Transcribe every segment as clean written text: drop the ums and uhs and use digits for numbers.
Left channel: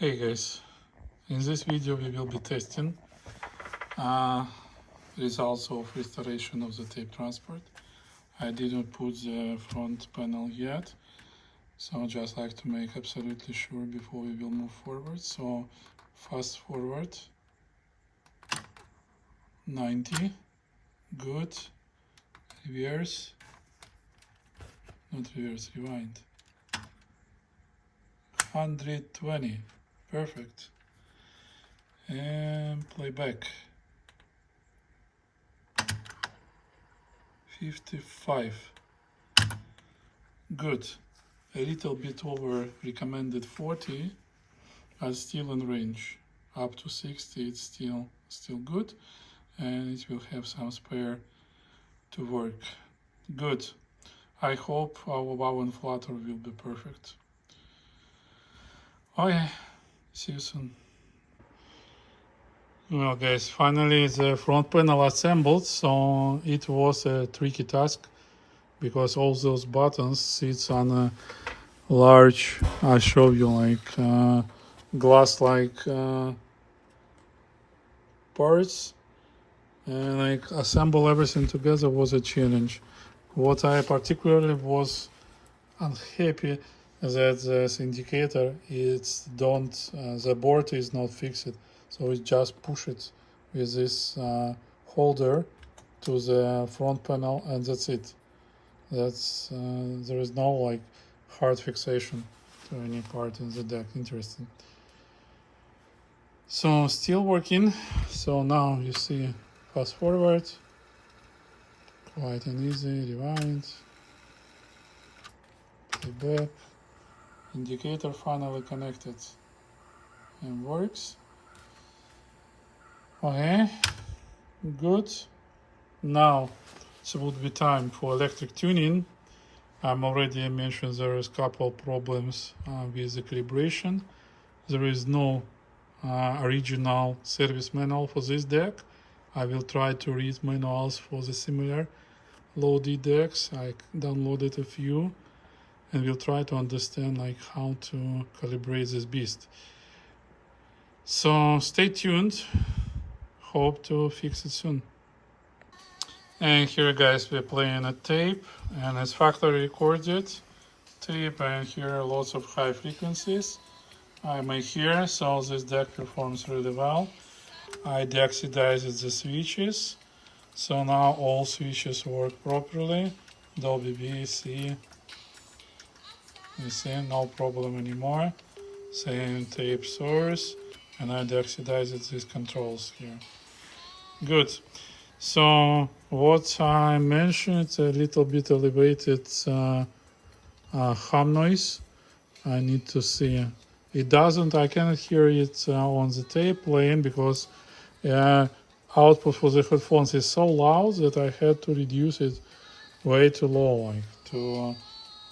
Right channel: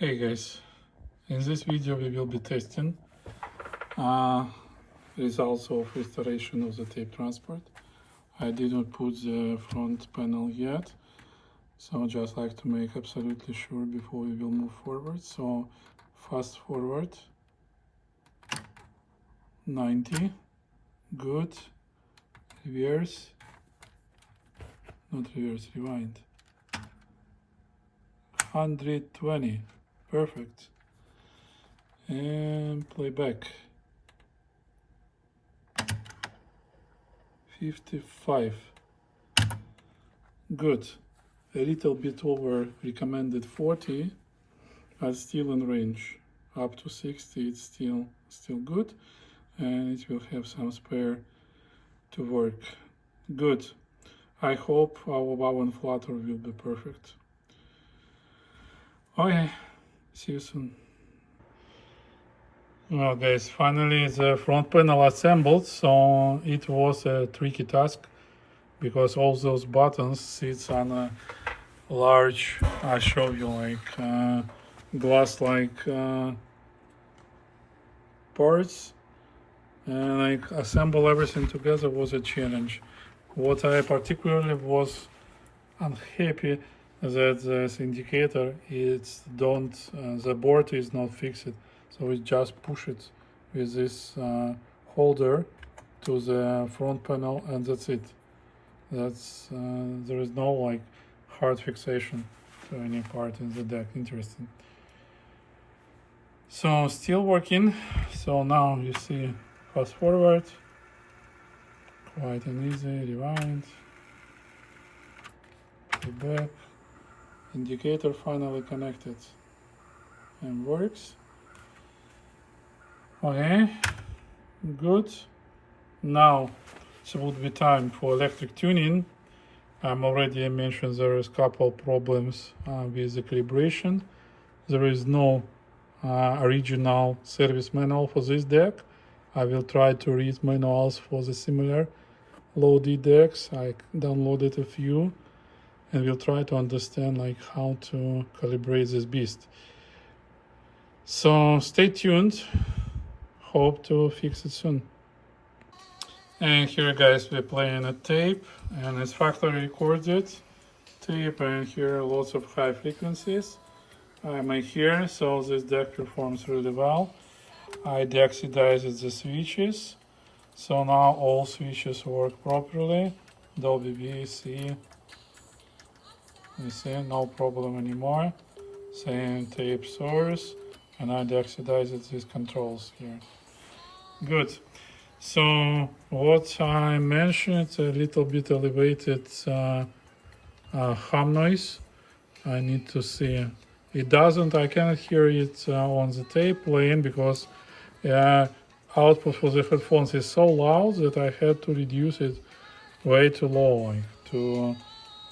Hey guys, in this video we will be testing results of restoration of the tape transport. I did not put the front panel yet, so just like to make absolutely sure before we will move forward. So fast forward 90, good, reverse, not reverse, rewind, 120, perfect, and playback 55, good, a little bit over recommended 40, but still in range. Up to 60 it's still good, and it will have some spare to work. Good. I hope our wow and flutter will be perfect. Okay, see you soon. Well guys, finally the front panel assembled, so it was a tricky task because all those buttons sits on a large, I'll show you, like glass like parts, and like assemble everything together was a challenge. What I particularly was unhappy that this indicator the board is not fixed, so it just push it with this holder to the front panel, and that's it. There is no like hard fixation to any part in the deck. Interesting. So still working. So now you see fast forward, quite an easy, rewind, playback, indicator finally connected and works. Okay, good. Now it would be time for electric tuning. I'm already mentioned there is a couple problems with the calibration. There is no original service manual for this deck. I will try to read manuals for the similar low D decks. I downloaded a few and we'll try to understand like how to calibrate this beast. So stay tuned. Hope to fix it soon. And here guys, we're playing a tape, and it's factory recorded tape, and here lots of high frequencies I may hear, so this deck performs really well. I deoxidized the switches, so now all switches work properly. Dolby B, C, you see, no problem anymore. Same tape source, and I deoxidized these controls here. Good. So what I mentioned, it's a little bit elevated hum noise. I need to see. It doesn't, I cannot hear it on the tape playing because output for the headphones is so loud that I had to reduce it way too low, like to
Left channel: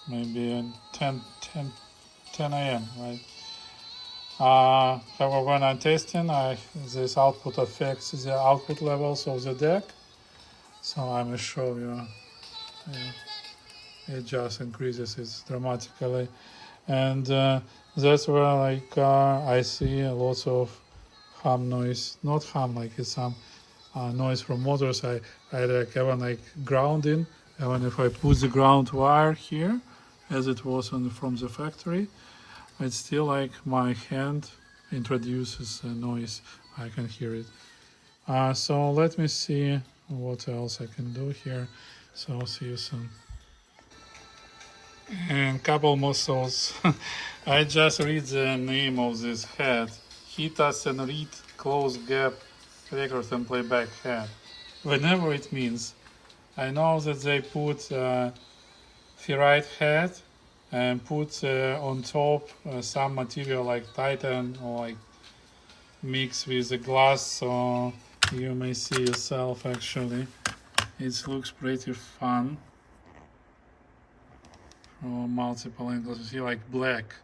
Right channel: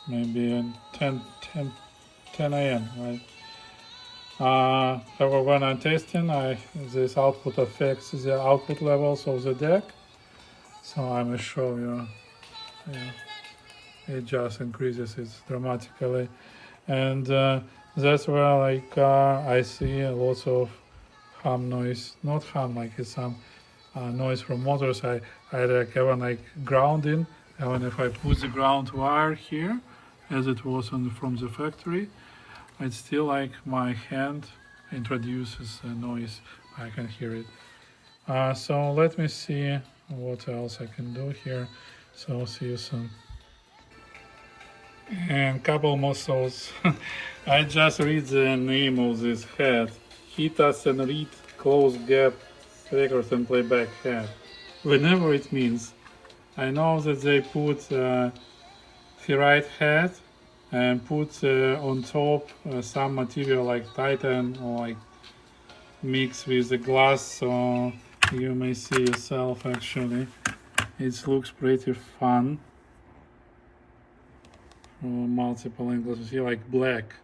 maybe 10 AM, right? However, when I'm testing, this output affects the output levels of the deck. So I'm going to show you. It just increases it dramatically, and that's where like I see lots of hum noise. Not hum, like it's some noise from motors. I like have like grounding, and if I put the ground wire here, as it was from the factory, it's still like my hand introduces a noise. I can hear it. So let me see what else I can do here. So see you soon. And couple muscles. I just read the name of this head. Hit us and read close gap record and playback head. Whenever it means. I know that they put ferrite head and put on top some material like titan or like mix with the glass, so you may see yourself. Actually it looks pretty fun from multiple angles. You see like black,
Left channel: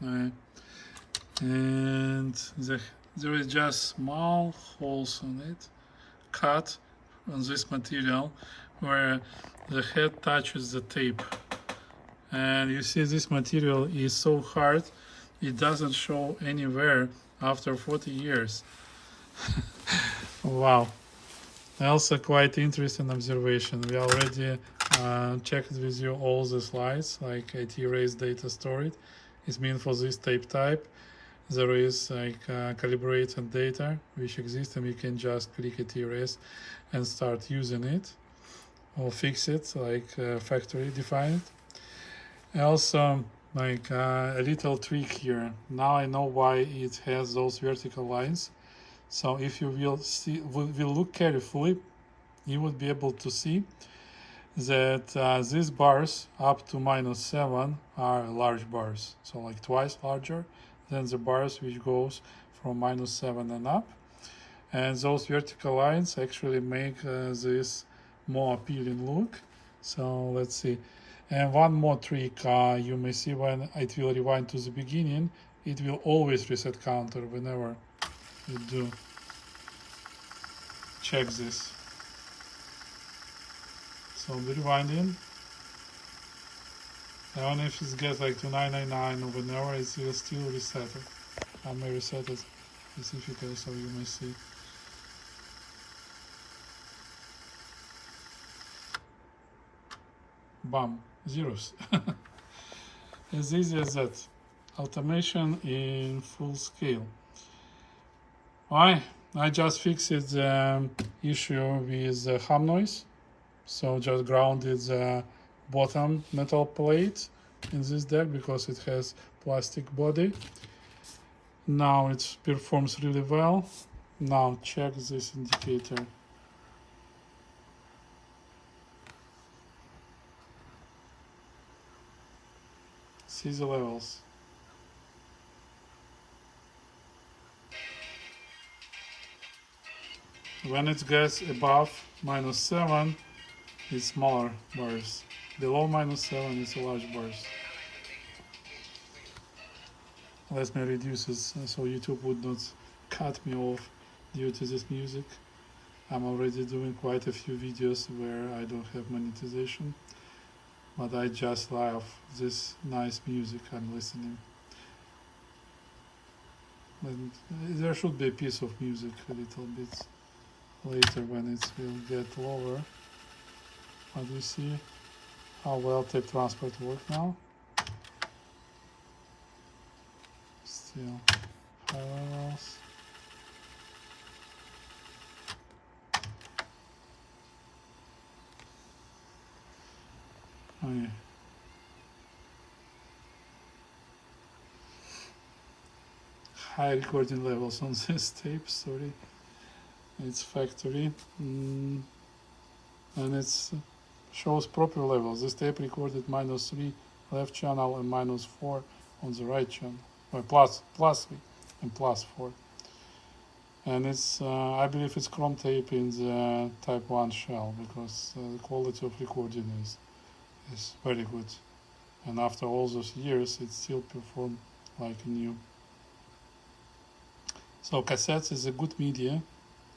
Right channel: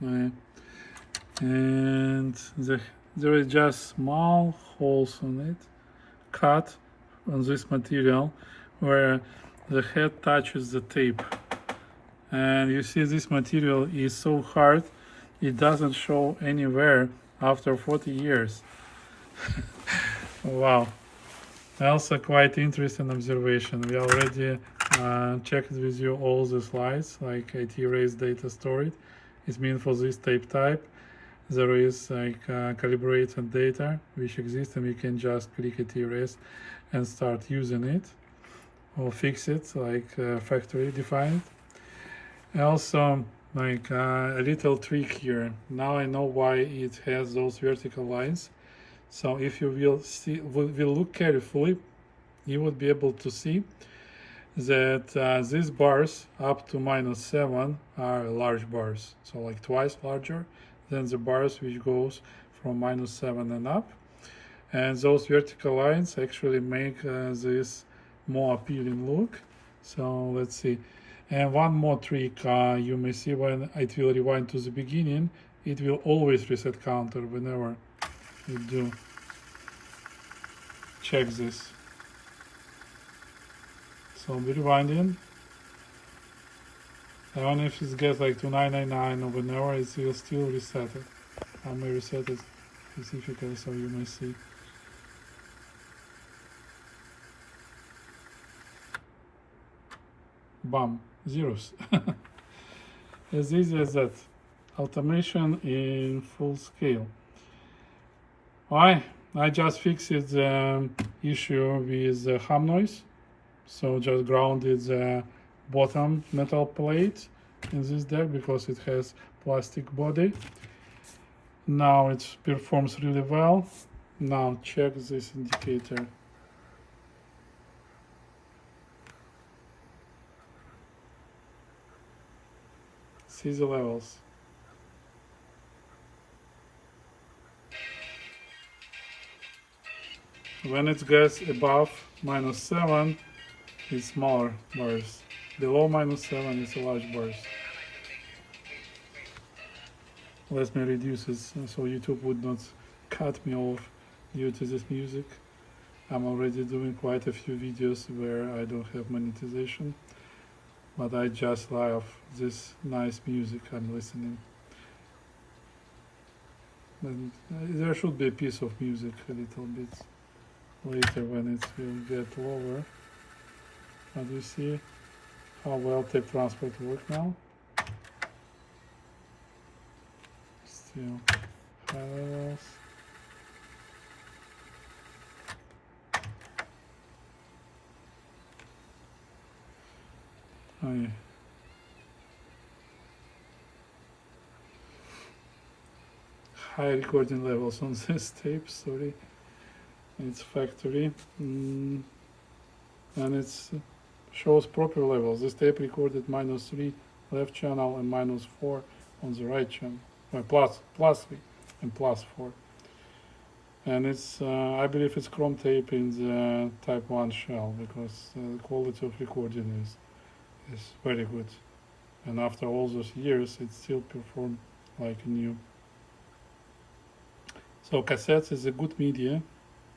and there is just small holes on it, cut on this material where the head touches the tape, And you see this material is so hard, it doesn't show anywhere after 40 years. Wow. Also quite interesting observation. We already checked with you all the slides, like IT erase data stored. It's mean for this tape type. There is like calibrated data which exists, and we can just click IT erase and start using it or fix it like factory defined. Also, like a little trick here. Now I know why it has those vertical lines. So if you will look carefully, you would be able to see that these bars up to -7 are large bars, so like twice larger than the bars which goes from -7 and up. And those vertical lines actually make this more appealing look. So let's see. And one more trick you may see when it will rewind to the beginning, it will always reset counter whenever you do. Check this. So I'll be rewinding. Even if it gets like to 999 or whenever, it will still reset it. I may reset it specifically so you may see. Bam, zeros. As easy as that. Automation in full scale. Why? I just fixed the issue with the hum noise. So just grounded the bottom metal plate in this deck because it has plastic body. Now it performs really well. Now check this indicator. See the levels. When it gets above -7, it's smaller bars. Below -7 is large bars. Let me reduce it so YouTube would not cut me off due to this music. I'm already doing quite a few videos where I don't have monetization, but I just love this nice music I'm listening. And there should be a piece of music a little bit later when it will get lower. But you see how well tape transport works now. Still levels. Okay. High recording levels on this tape, sorry. It's factory. And it shows proper levels. This tape recorded -3 left channel and -4 on the right channel. +3 and +4. And it's, I believe it's chrome tape in the type 1 shell because the quality of recording is very good. And after all those years, it still performs like new. So cassettes is a good media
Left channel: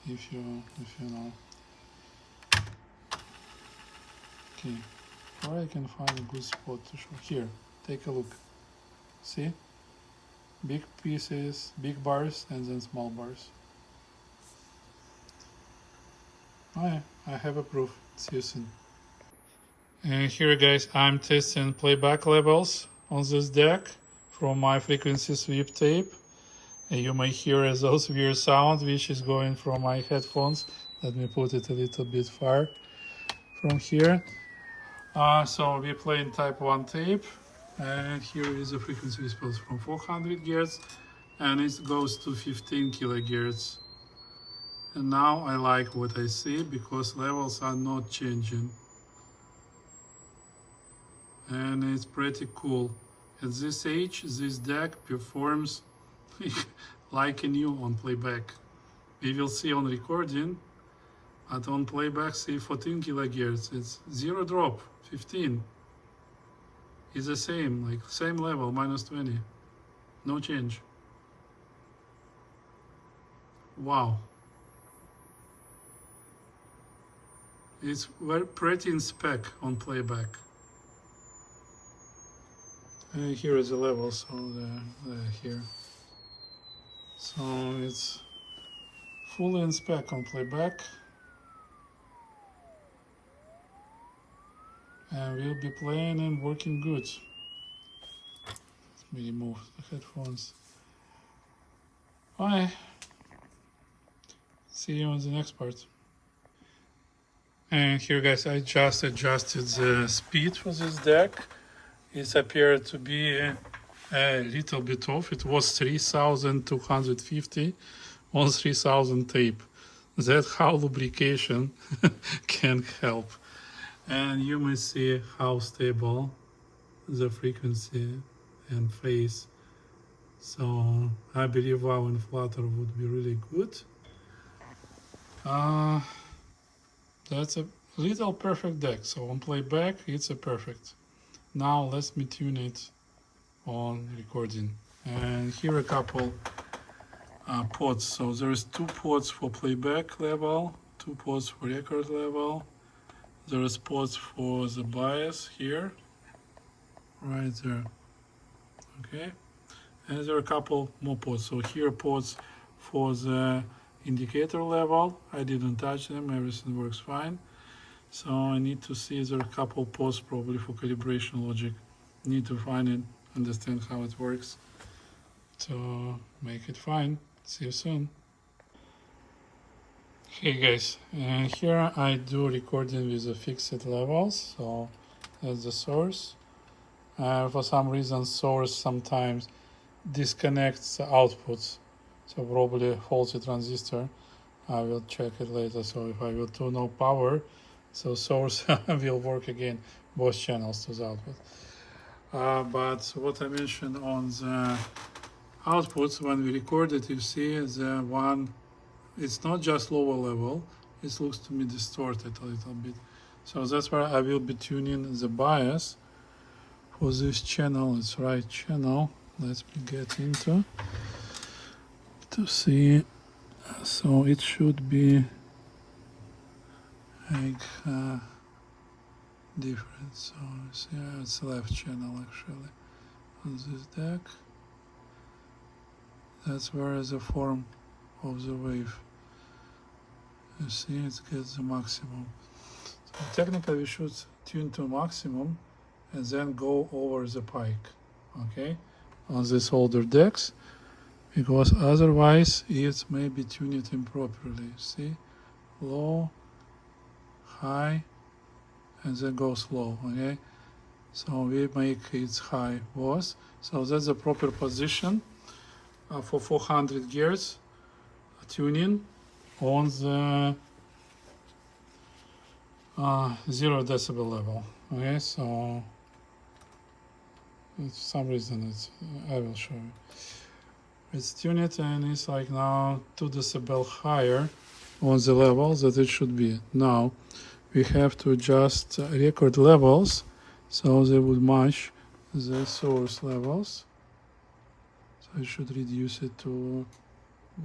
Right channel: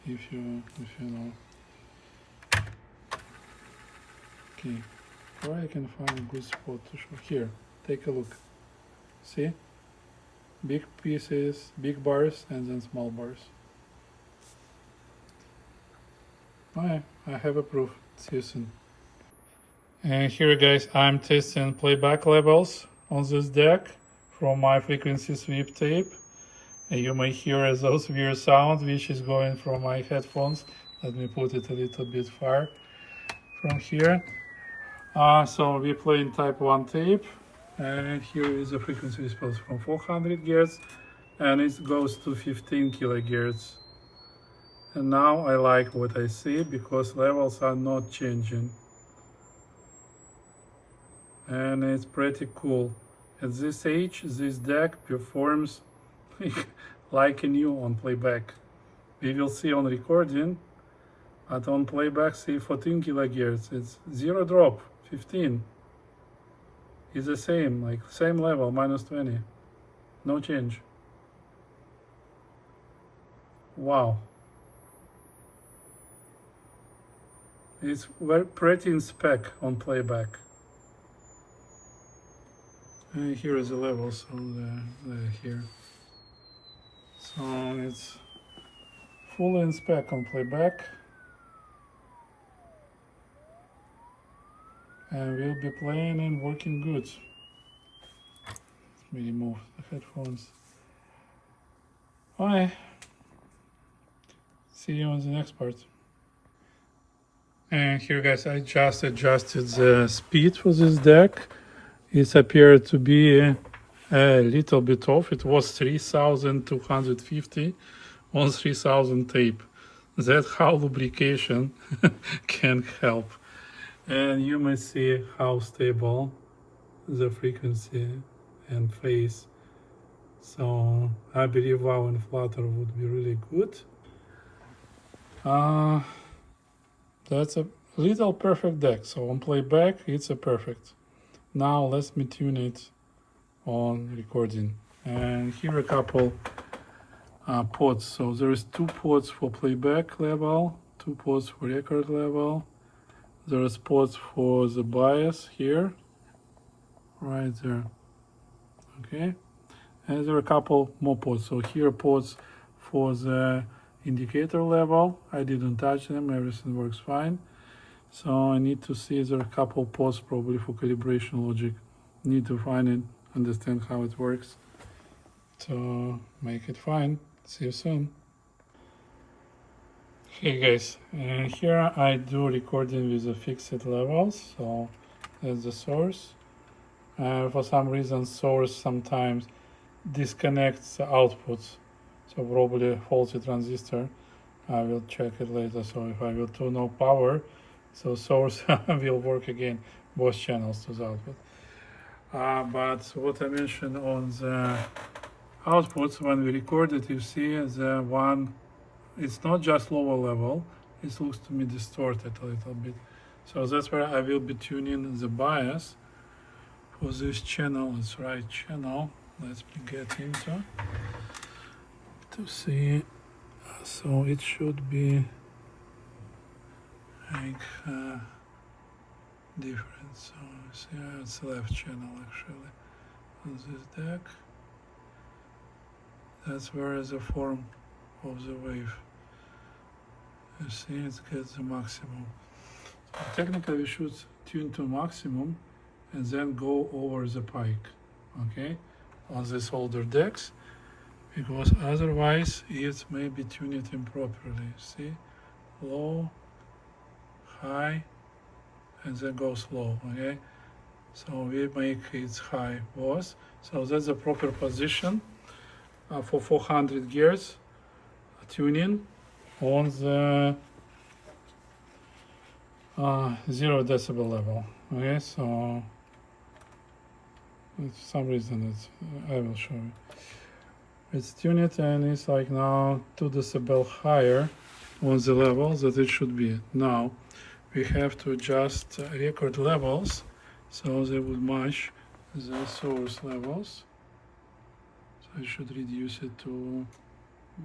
if you know. Okay, where I can find a good spot to show. Here, take a look. See? Big pieces, big bars, and then small bars. Oh yeah, I have a proof. See you soon. And here guys, I'm testing playback levels on this deck from my frequency sweep tape. And you may hear those weird sound which is going from my headphones. Let me put it a little bit far from here. So we play in type 1 tape, and here is the frequency response from 400 Hz, and it goes to 15 kHz. And now I like what I see because levels are not changing. And it's pretty cool. At this age, this deck performs like a new on playback. We will see on recording, but on playback, see 14 kHz. It's zero drop, 15. It's the same, like same level, -20. No change. Wow. It's very pretty in spec on playback. And here is the level, so they're here. So it's fully in spec on playback. And we'll be playing and working good. Let me remove the headphones. Bye. See you on the next part. And here guys, I just adjusted the speed for this deck. It appeared to be a little bit off. It was 3250 on 3000 tape. That's how lubrication can help. And you may see how stable the frequency and phase. So I believe wow and flutter would be really good. That's a little perfect deck. So on playback, it's a perfect. Now let me tune it on recording. And here are a couple pods. So there's 2 pods for playback level, 2 pods for record level. There are pods for the bias here, right there. Okay, and there are a couple more pods. So here are pods for the indicator level. I didn't touch them, everything works fine. So I need to see there are a couple pods probably for calibration logic. Need to find it, understand how it works to make it fine. See you soon. Hey guys, and here I do recording with the fixed levels. So that's the source. For some reason source sometimes disconnects the outputs, so probably a faulty transistor. I will check it later. So if I will turn on power, so source will work again, both channels to the output. But what I mentioned on the outputs, when we record it, you see the one, it's not just lower level, it looks to me distorted a little bit. So that's where I will be tuning the bias for this channel. It's right channel. Let's get into to see. So it should be like different. So see, it's left channel actually on this deck. That's where is the form of the wave. You see, it gets the maximum. So technically, we should tune to maximum and then go over the pike, okay, on these older decks, because otherwise it may be tuned improperly. See, low, high, and then goes low, okay? So we make it high was. So that's the proper position for 400 gears tuning on the 0 decibel level. Okay, so for some reason it's, I will show you. It's tuned and it's like now 2 decibel higher on the level that it should be. Now we have to adjust record levels so they would match the source levels. So I should reduce it to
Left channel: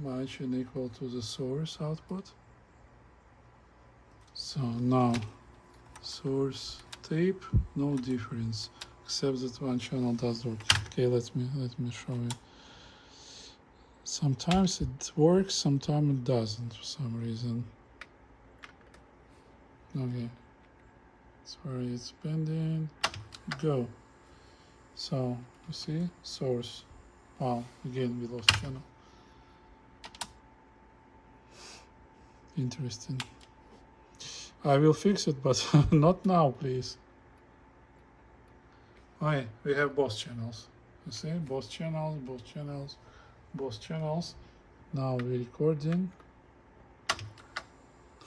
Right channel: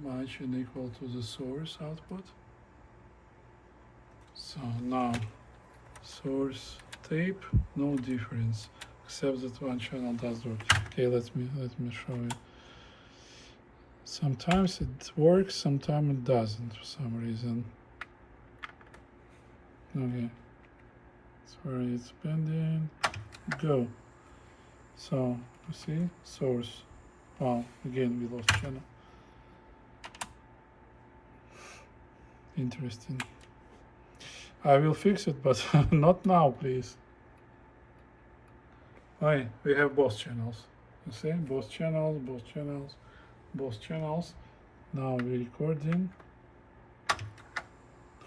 match and equal to the source output. So now source tape, no difference except that one channel does work. Okay, let me show you. Sometimes it works, sometimes it doesn't for some reason. Okay, that's where it's bending. Go. So you see source. Wow, again we lost channel. Interesting. I will fix it, but not now, please. Why? We have both channels. You see, both channels, both channels, both channels. Now we're recording.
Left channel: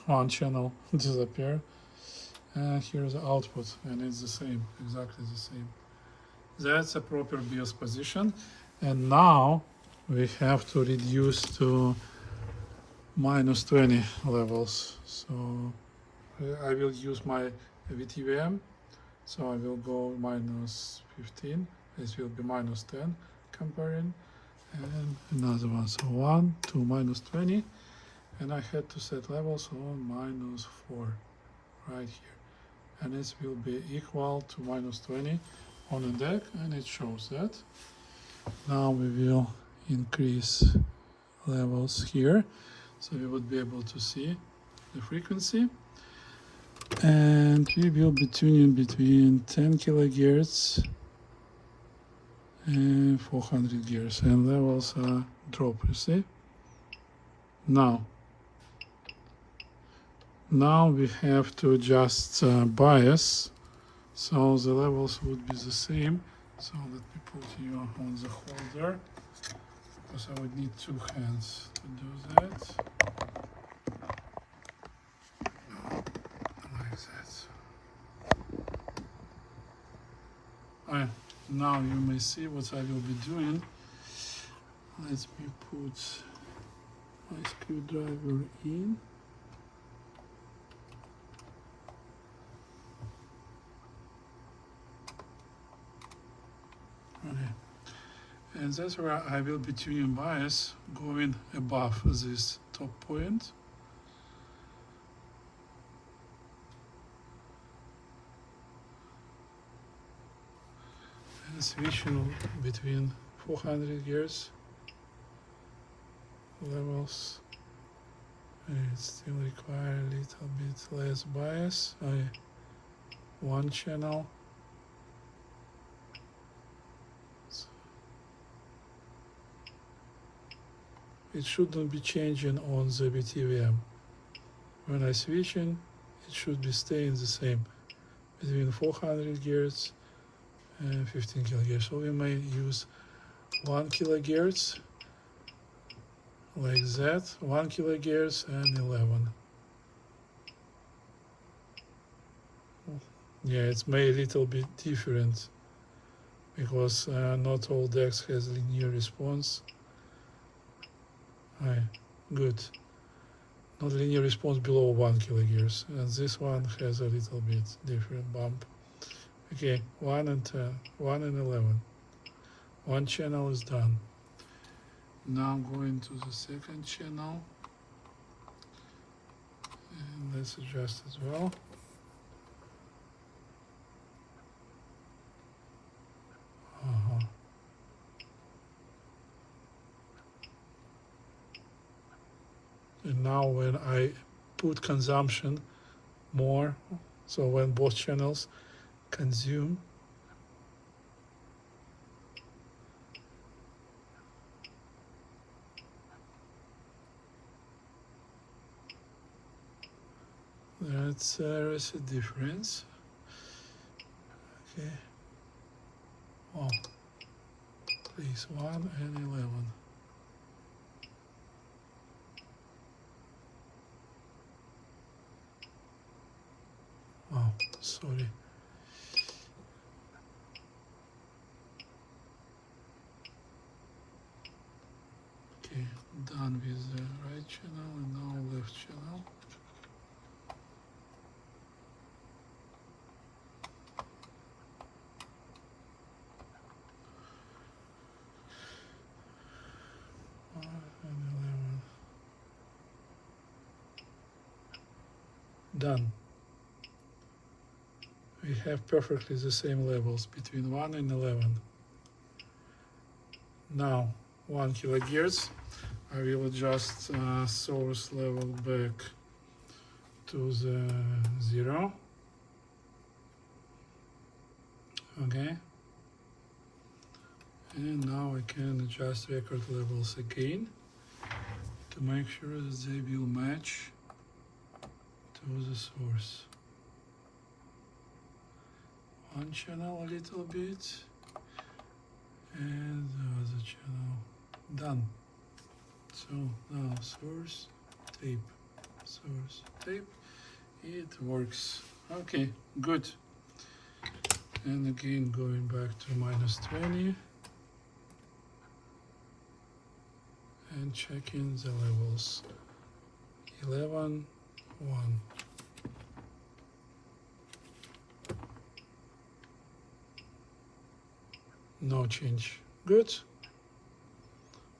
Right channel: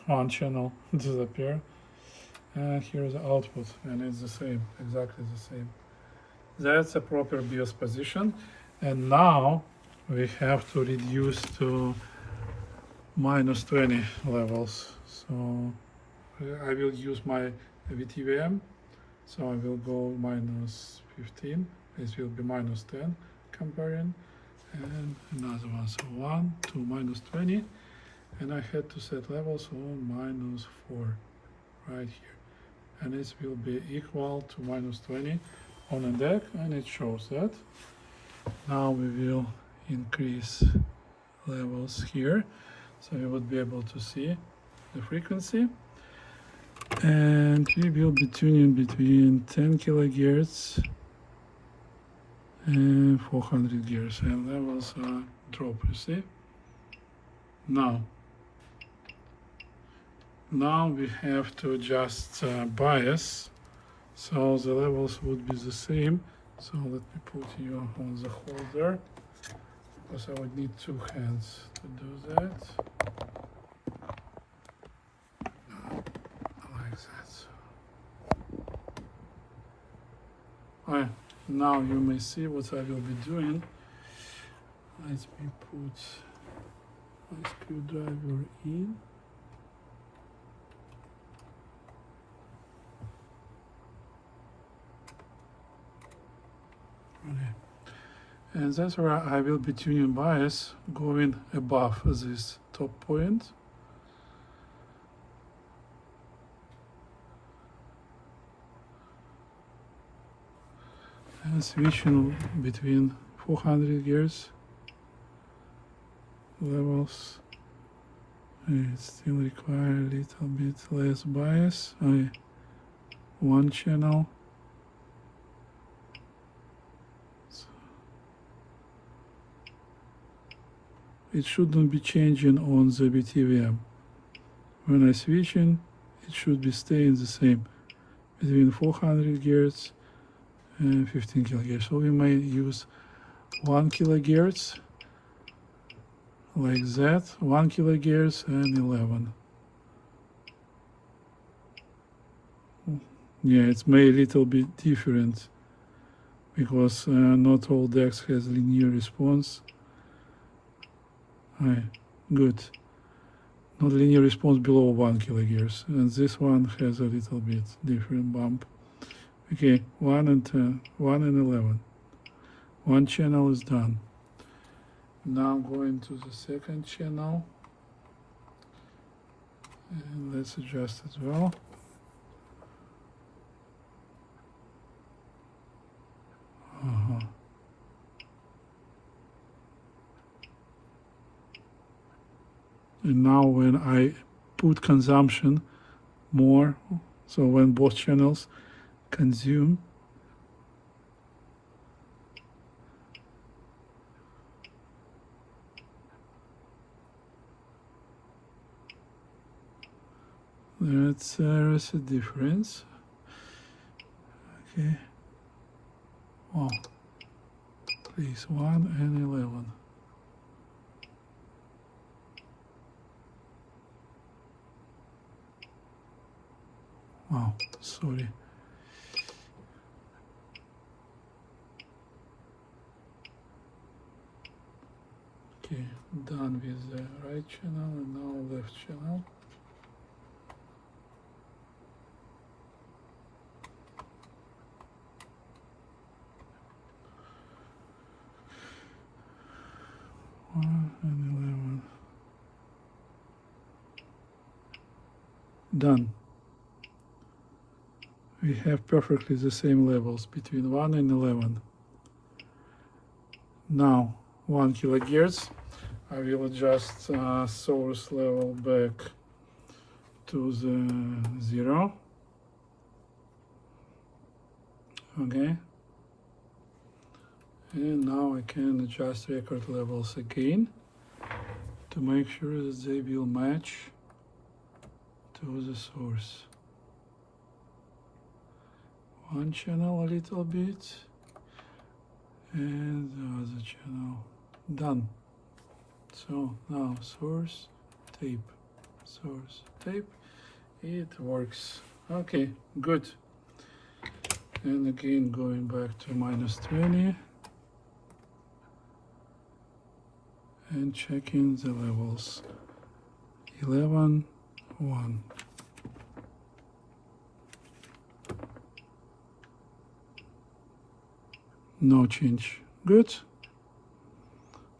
One channel disappear, and here's the output, and it's the same, exactly the same. That's a proper BIOS position, and now we have to reduce to -20 levels. So I will use my VTVM, so I will go -15. This will be -10 comparing, and another one. So 1 to -20. And I had to set levels on -4 right here, and this will be equal to -20 on a deck, and it shows that. Now we will increase levels here, so we would be able to see the frequency. And we will be tuning between 10 kilohertz and 400 Hz, and levels are drop, you see. Now we have to adjust bias, so the levels would be the same. So let me put you on the holder, because I would need 2 hands to do that. Like that. Now you may see what I will be doing. Let me put a screwdriver in. And that's where I will be tuning bias going above this top point. And switching between 400 Hz levels. It still require a little bit less bias. One channel. It shouldn't be changing on the BTVM. When I switching, it should be staying the same between 400 Hz and 15 kilohertz. So we may use 1 kilohertz like that, 1 kilohertz and 11. Yeah, it's made a little bit different because not all decks has linear response. Good. Not linear response below 1 kilohertz, and this one has a little bit different bump. Okay, 1 and 10, 1 and 11. One channel is done. Now I'm going to the second channel, and let's adjust as well. And now when I put consumption more, so when both channels consume, there's a difference. Okay. Oh, please, 1 and 11. Oh, sorry. Okay, done with the right channel and now left channel. And 11. Done. We have perfectly the same levels between 1 and 11. Now 1 kilohertz. I will adjust source level back to the 0. Okay. And now I can adjust record levels again to make sure that they will match to the source. One channel a little bit and the other channel. Done. So now source, tape, it works. Okay, good. And again going back to -20 and checking the levels. 11, 1. No change. Good.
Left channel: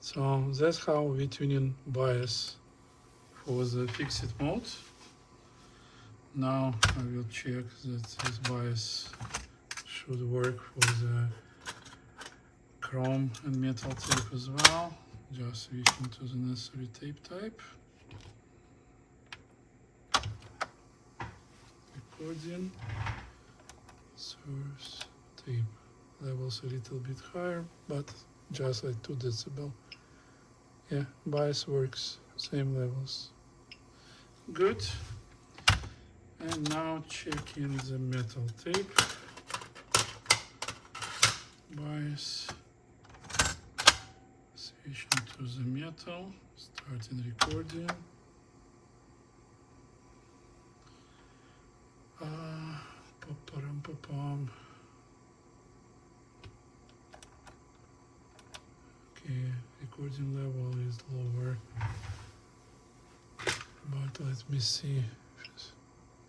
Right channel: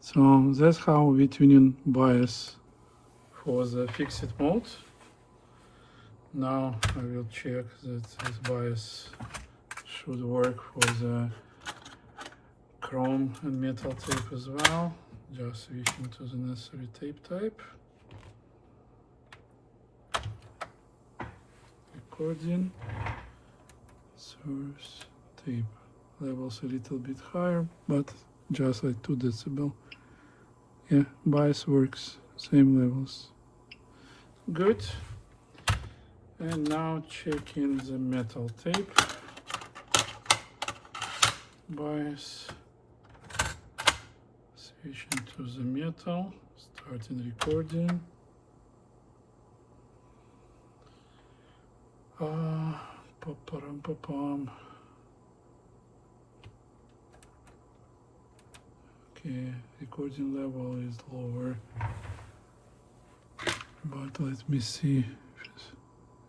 So that's how we tuning bias for the fixed mode. Now I will check that this bias should work for the chrome and metal tape as well. Just switching to the necessary tape type. Recording. Source tape. Levels a little bit higher, but just like 2 decibel. Yeah, bias works, same levels. Good. And now checking the metal tape. Bias. Switching to the metal. Starting recording. Pa-pam. Okay, recording level is lower, but let me see.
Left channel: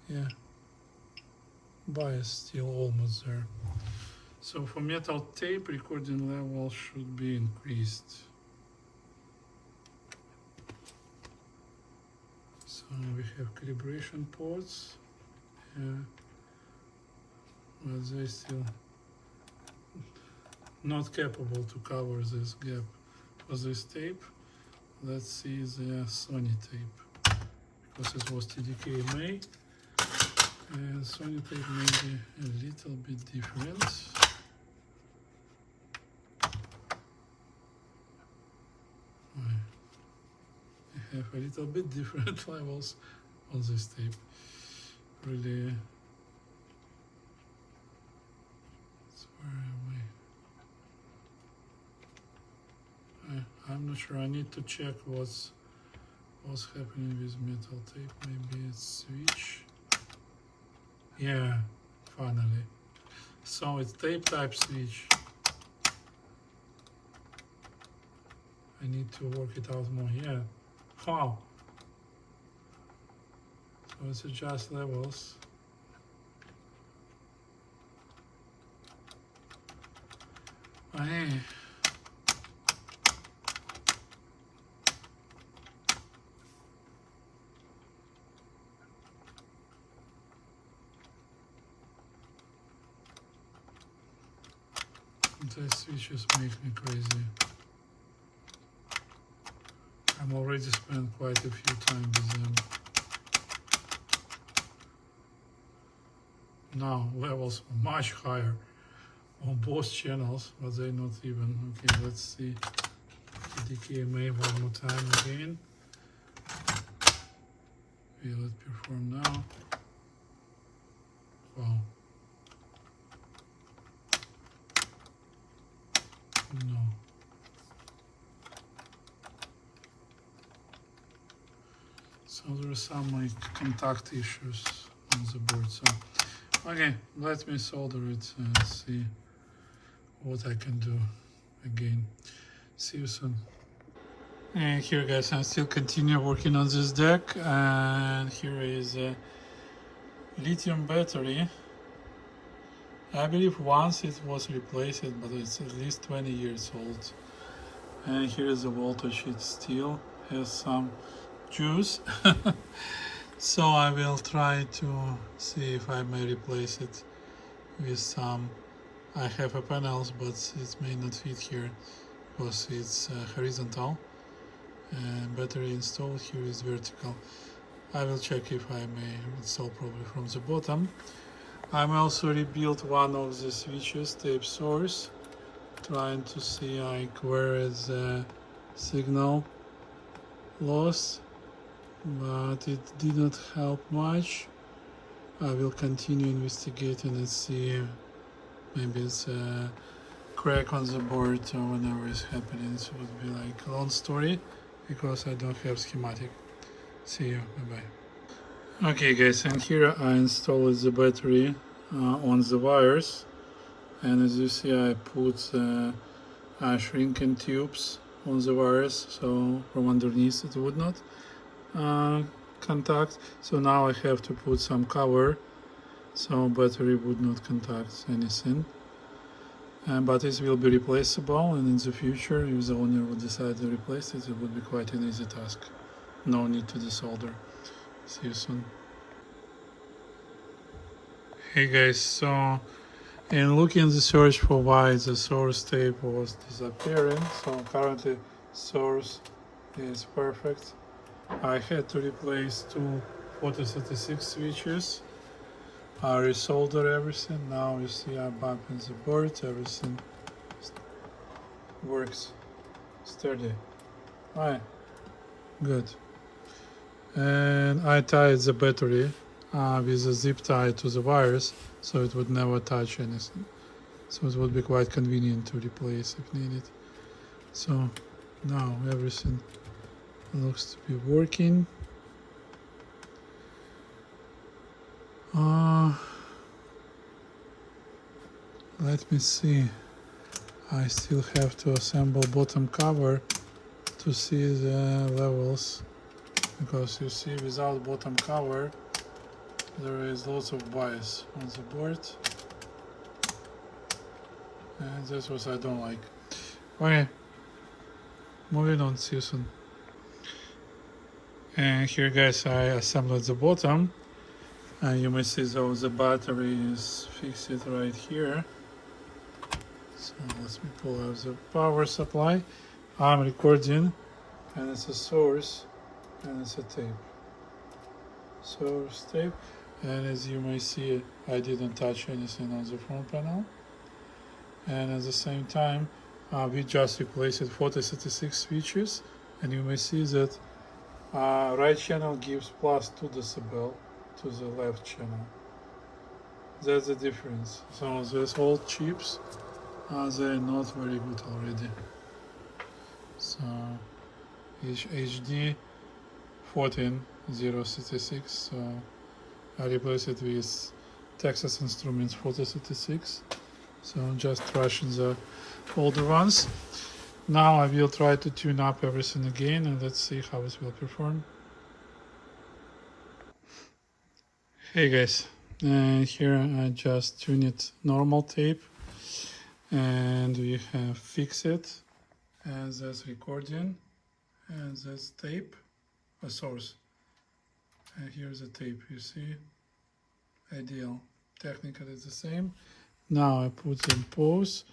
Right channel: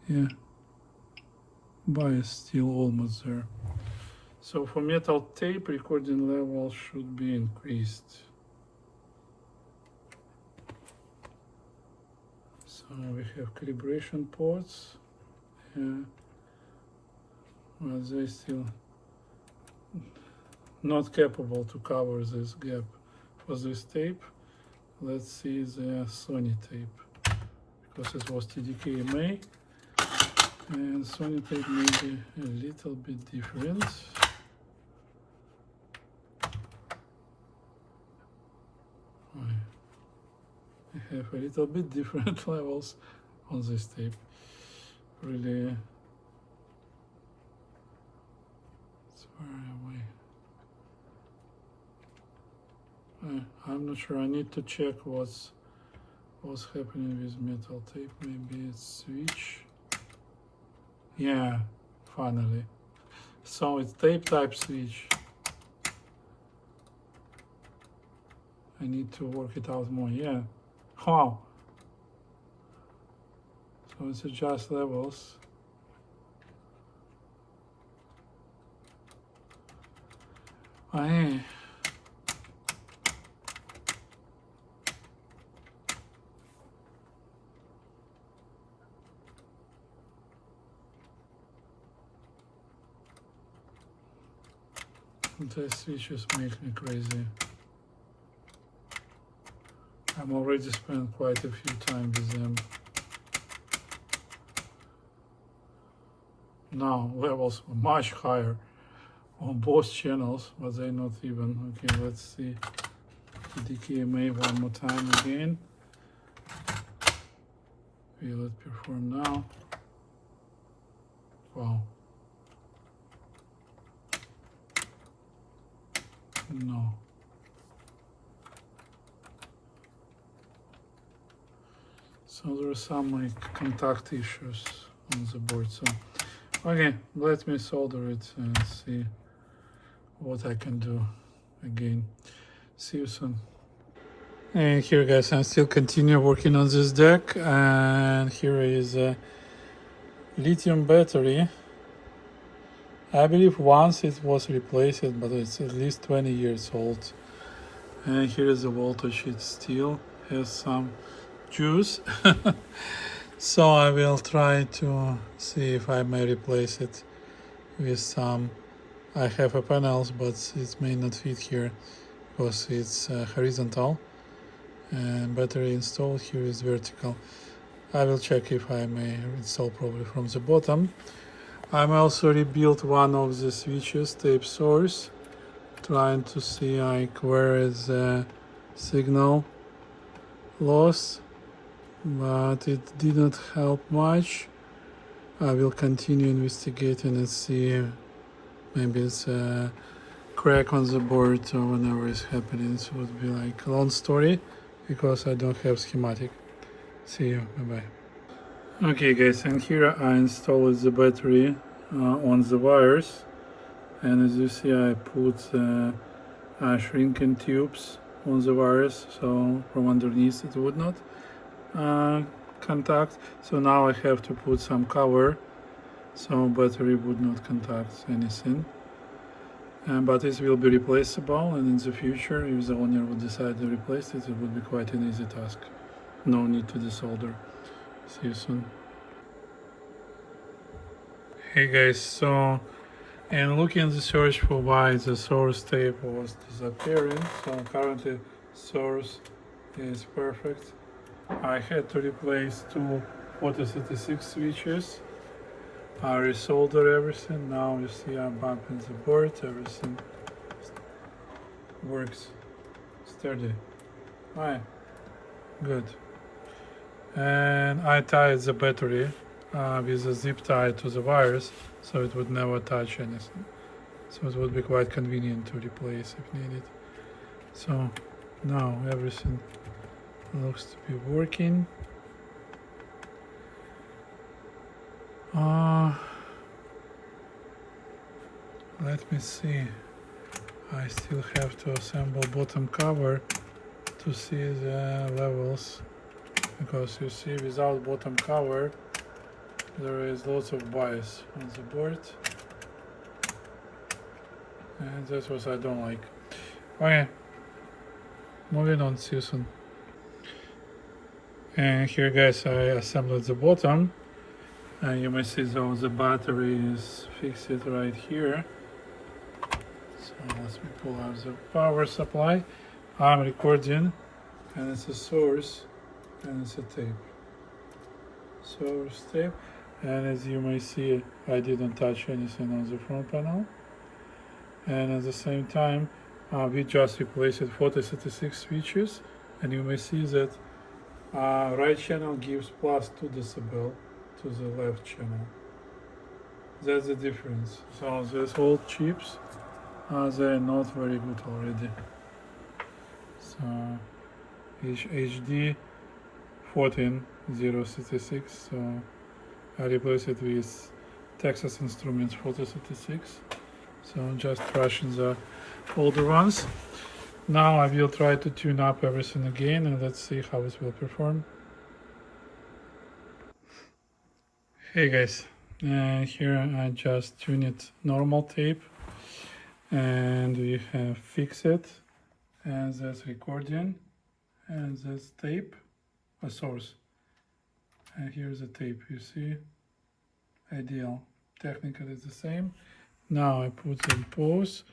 Yeah, bias still almost there. So for metal tape, recording level should be increased. So we have calibration ports. Yeah, but they still not capable to cover this gap for this tape. Let's see the Sony tape, because it was TDKMA, and Sony tape may be a little bit different. I have a little bit different levels on this tape. Really, it's far away. I'm not sure. I need to check what's happening with metal tape. Maybe it's switch. Yeah, finally. So it's tape type switch. I need to work it out more. Yeah. Wow. So it's adjust levels. Hey. These switches make me crazy. I'm already spent quite a few times with them. Now levels are much higher on both channels, but they're not even. Okay, let's see the DKMA one more time again. Okay, let's perform now. Wow. No. So there are some like contact issues on the board. So okay, let me solder it and see what I can do again. See you soon. And here guys, I'm still continue working on this deck, and here is a lithium battery. I believe once it was replaced, but it's at least 20 years old. And here is the voltage. It still has some juice. So I will try to see if I may replace it with some. I have a panels, but it may not fit here because it's horizontal, and battery installed here is vertical. I will check if I may install probably from the bottom. I'm also rebuilt one of the switches, tape source, trying to see like where is the signal loss, but it did not help much. I will continue investigating and see maybe it's a crack on the board or whatever is happening. It would be like a long story because I don't have schematic. See you, bye bye. Okay guys, and here I installed the battery on the wires, and as you see I put shrinking tubes on the wires, so from underneath it would not contact. So now I have to put some cover so battery would not contact anything, but this will be replaceable, and in the future if the owner would decide to replace it, it would be quite an easy task. No need to desolder. See you soon. Hey guys, so and looking the search for why the source tape was disappearing. So currently source is perfect. I had to replace two 4036 switches. I resoldered everything. Now you see I'm bumping the board. Everything works sturdy. Alright, good. And I tied the battery with a zip tie to the wires, so it would never touch anything. So it would be quite convenient to replace if needed. So now everything looks to be working. Let me see. I still have to assemble bottom cover to see the levels, because you see without bottom cover there is lots of bias on the board, and that's what I don't like. Okay, moving on, see you soon. And here guys, I assembled the bottom, and you may see though the battery is fixed right here. So let me pull out the power supply. I'm recording, and it's a source, and it's a tape. Source tape, and as you may see, I didn't touch anything on the front panel. And at the same time, we just replaced 4036 switches, and you may see that right channel gives plus 2 decibel to the left channel. That's the difference. So these old chips, they're not very good already. So HD 14066, so I replaced it with Texas Instruments 4036. So I'm just trashing the older ones. Now I will try to tune up everything again, and let's see how it will perform. Hey guys, here I just tuned it normal tape, and we have fixed it, and that's recording, and that's tape, a source, and here's the tape. You see, ideal. Technically it's the same. Now I put in pause,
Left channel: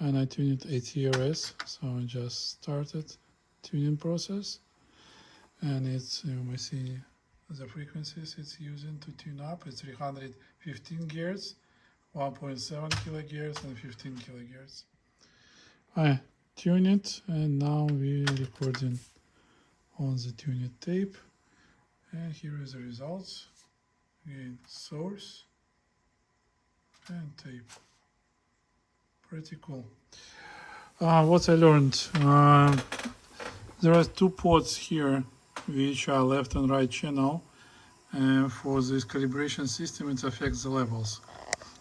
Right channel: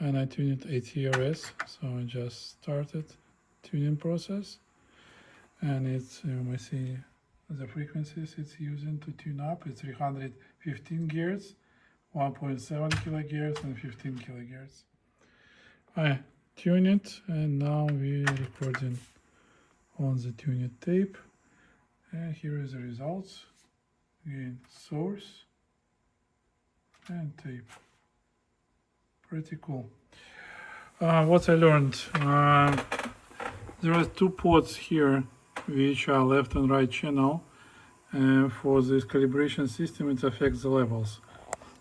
and I tune it ATRS, so I just started tuning process, and it's, you may see the frequencies it's using to tune up. It's 315 Hz, 1.7 kHz, and 15 kHz. I tune it, and now we're recording on the tuned tape, and here is the results in source and tape. Pretty cool. What I learned, there are two ports here which are left and right channel, and for this calibration system it affects the levels.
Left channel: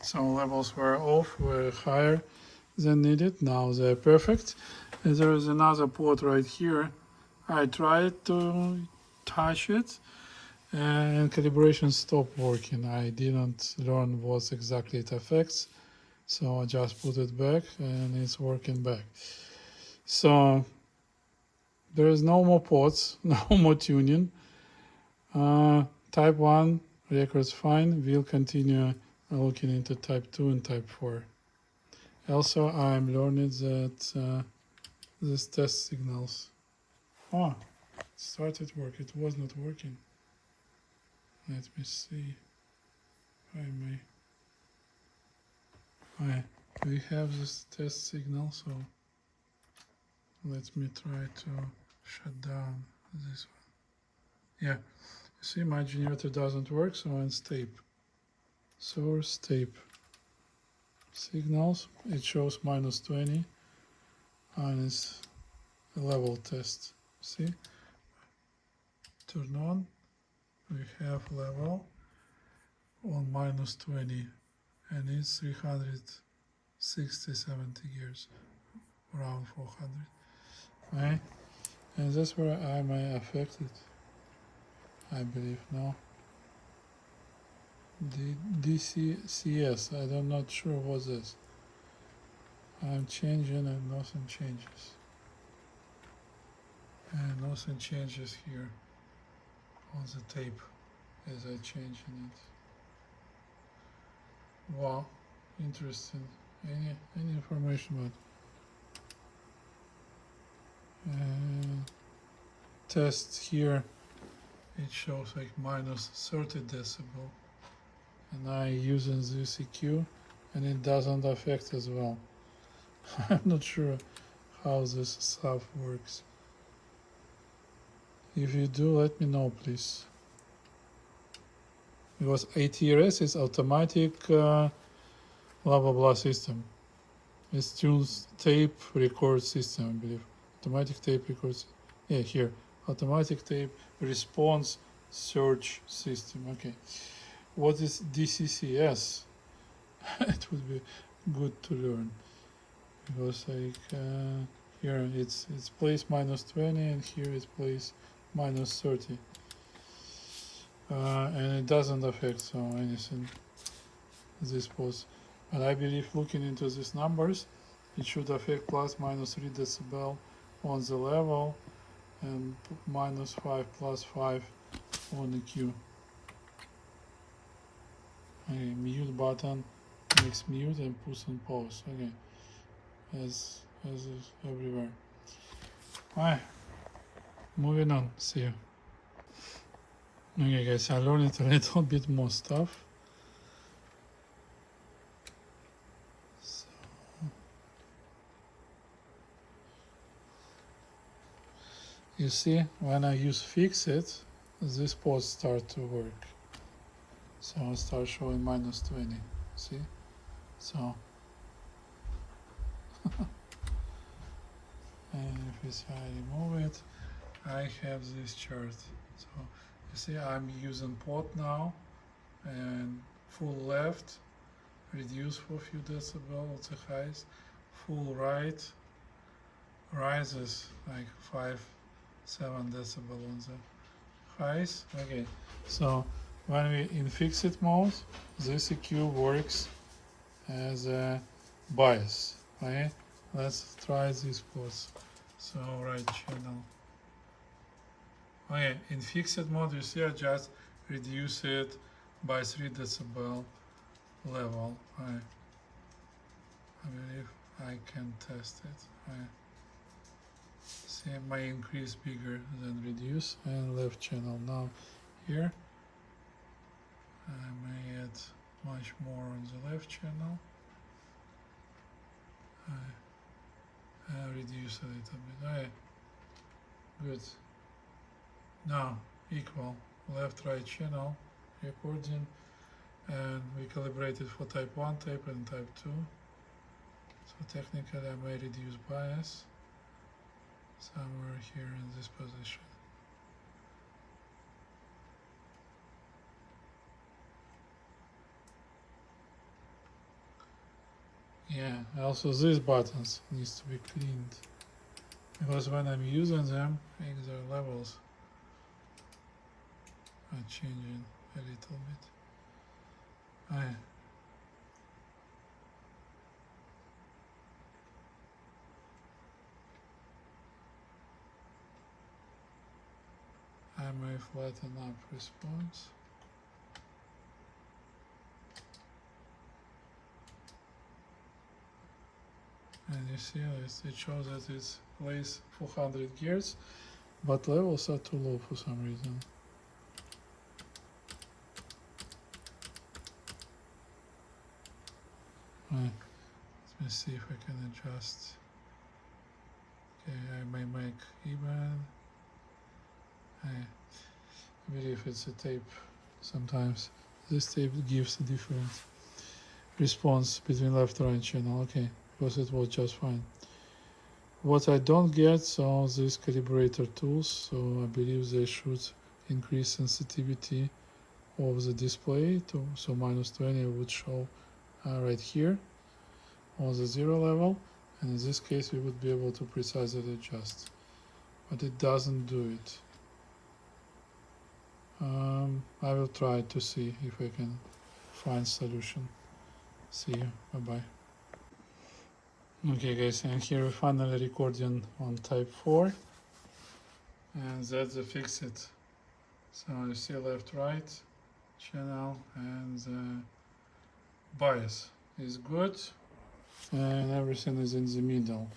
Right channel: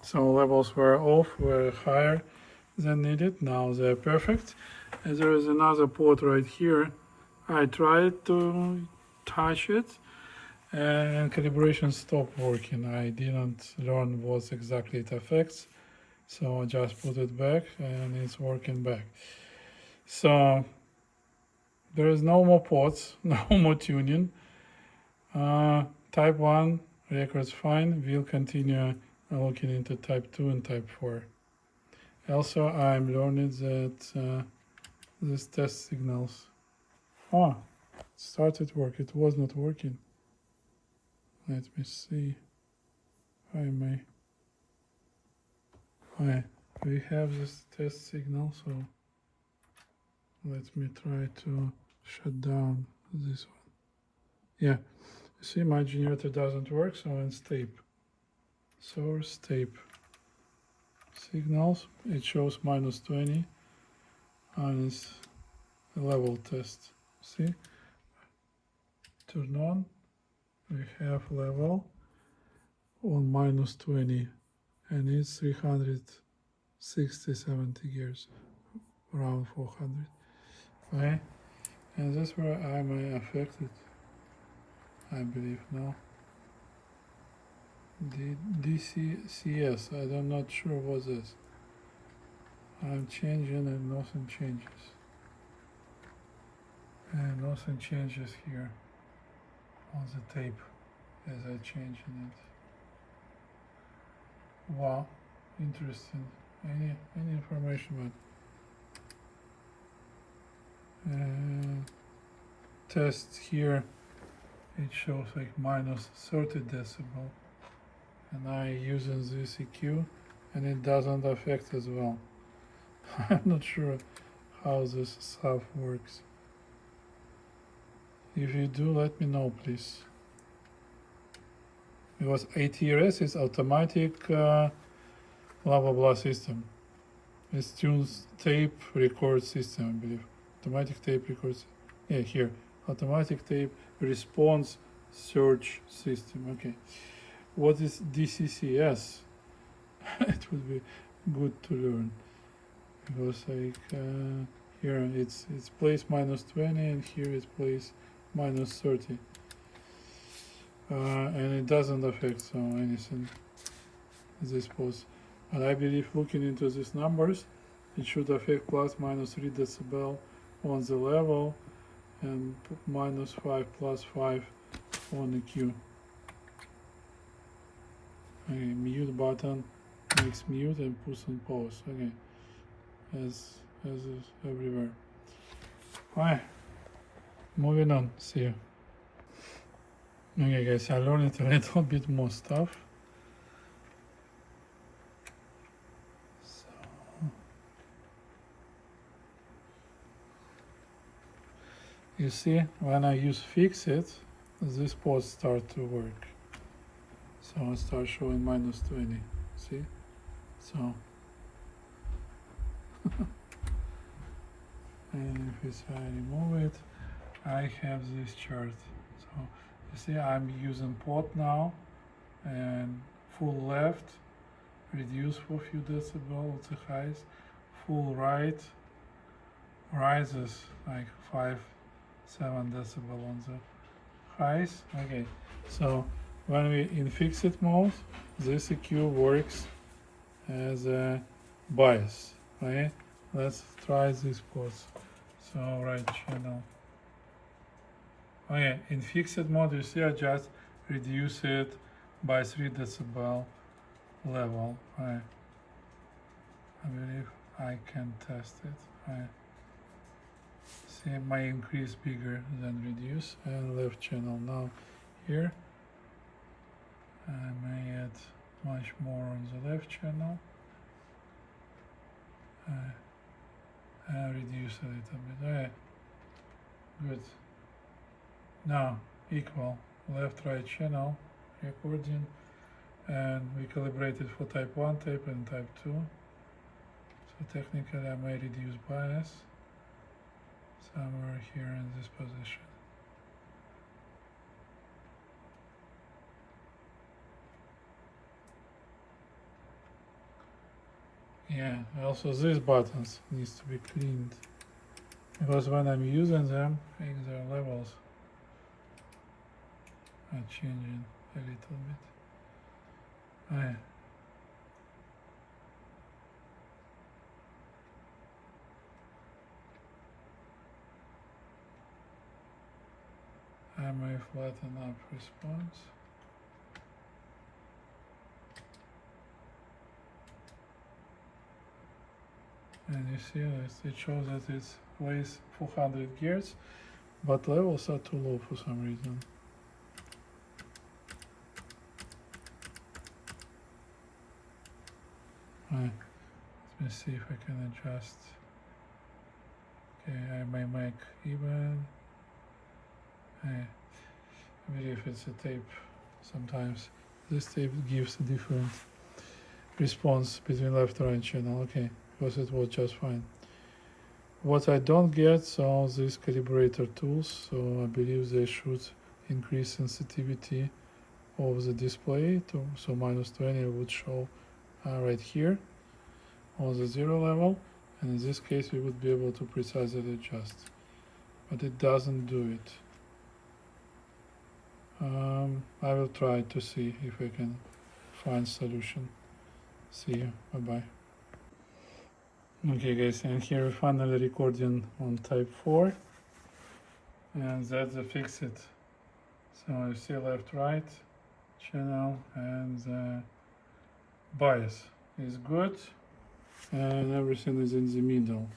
So levels were off, were higher than needed. Now they're perfect. And there is another port right here. I tried to touch it, and calibration stopped working. I didn't learn what exactly it affects, so I just put it back, and it's working back. So there is no more ports, no more tuning. Type 1 records fine. We'll continue looking into type 2 and type 4. Also, I'm learning that these test signals, it started work. It was not working. Let me see if I may. Okay, we have this test signal, so let me try to shut down this one. Yeah, you see my generator doesn't work, so it's tape. Source tape. Signals, it shows -20, and it's a level test. See? Turn on, we have level on -20, and it's 360-70 gears, around 400. Okay, and that's where I may affect it, I believe. No, the DCCS, I'm not sure what this. I'm changing and nothing changes, and nothing changes here on the tape as I changing it. Wow, interesting. Any information about test here, it shows like minus 30 decibel, and I using this EQ and it doesn't affect as well. I'm not sure how this stuff works. If you do, let me know, please. Because ATRS is automatic blah blah blah system. It's tunes tape record system, I believe. Automatic tape records. Yeah, here. Automatic tape response search system. Okay. What is DCCS? It would be good to learn. Because like here it's place minus 20 and here it's place minus 30. And it doesn't affect so anything this pose. But I believe looking into these numbers, it should affect plus minus 3 decibel on the level and minus 5 plus 5 on the Q. Okay, mute button makes mute and puts on pause. Okay, as is everywhere. Alright, moving on. See you. Okay guys, I learned a little bit more stuff. So, you see, when I use fix it, this pause start to work. So I start showing minus 20. See? So and if I remove it, I have this chart. So you see I'm using pot now and full left, reduce for a few decibel at the highs, full right, rises like 5-7 decibel on the highs. Okay, so when we in fixed mode, this EQ works as a bias. Okay, let's try this pause. So right channel. Okay, in fixed mode, you see I just reduce it by 3 decibel level. I believe I can test it. See my increase bigger than reduce, and left channel now here. I may add much more on the left channel. I reduce a little bit. Okay, good. Now equal left right channel recording, and we calibrated for type 1 tape and type 2. So technically I may reduce bias somewhere here in this position. Yeah, also these buttons needs to be cleaned, because when I'm using them, I think their levels are changing a little bit. Yeah. I may flatten up response. And you see it shows that it's plays 400 gears, but levels are too low for some reason. Right. Let me see if I can adjust. Okay, I may make even. I believe it's a tape. Sometimes this tape gives a different response between left and right channel. Okay, because it was just fine. What I don't get are these calibrator tools, so I believe they should increase sensitivity of the display to, so minus 20 would show right here on the 0 level, and in this case we would be able to precisely adjust, but it doesn't do it. I will try to see if I can find solution. See you, bye bye. Okay guys, and here we finally recording on type 4, and that's the fix it. So you see left right channel and bias is good, and everything is in the middle.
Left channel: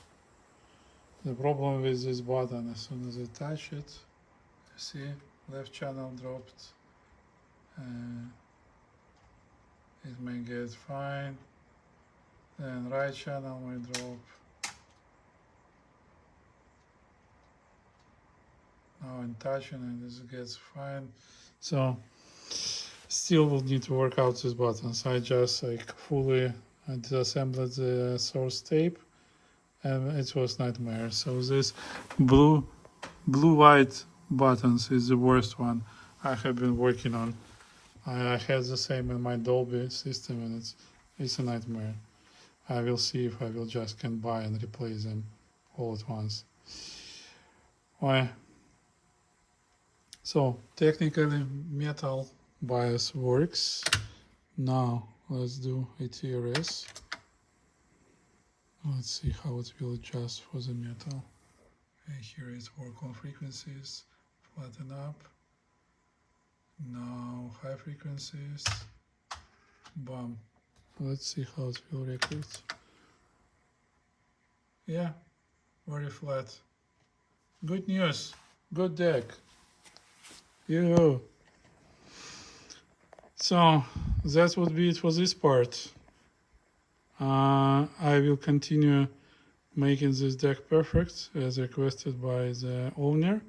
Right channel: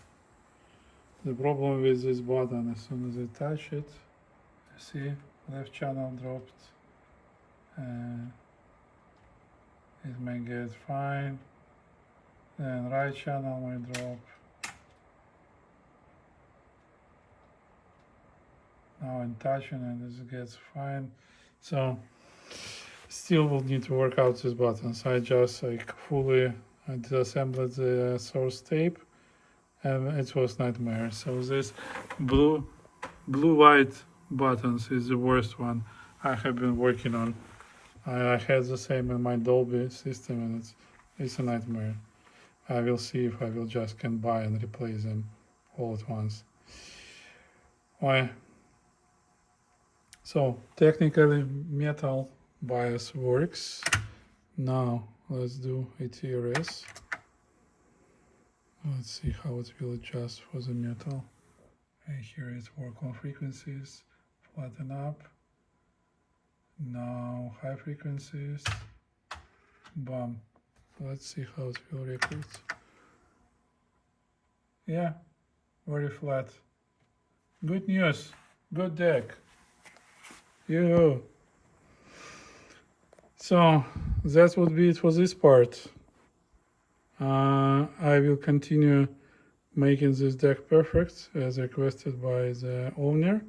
The problem with this button, as soon as I touch it, you see left channel dropped. It may get fine, then right channel may drop. Now I'm touching it, it gets fine. So still will need to work out these buttons. I just like fully disassembled the source tape, and it was nightmare. So this blue-white buttons is the worst one I have been working on. I had the same in my Dolby system, and it's a nightmare. I will see if I will just can buy and replace them all at once. Why? So technically metal bias works. Now let's do ATRS. Let's see how it will adjust for the metal. And here is work on frequencies, flatten up. Now high frequencies, bam. Let's see how it will record. Yeah, very flat. Good news, good deck. Yoo-hoo. So that would be it for this part. I will continue making this deck perfect as requested by the owner.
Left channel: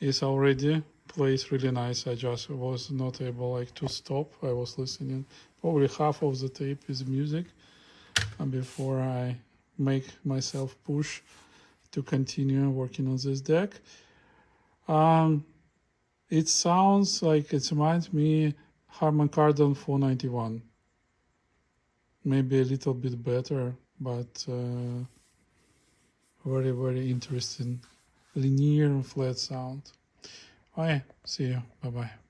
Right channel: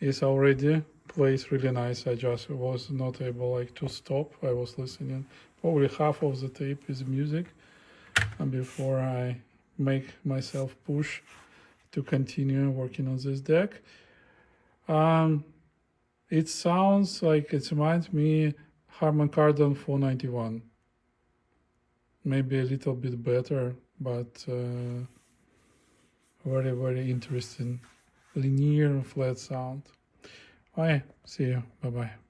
It's already plays really nice. I just was not able to stop. I was listening. Probably half of the tape is music, and before I make myself push to continue working on this deck. It sounds like it reminds me Harman Kardon 491. Maybe a little bit better, but very, very interesting linear and flat sound. Okay, see you. Bye-bye.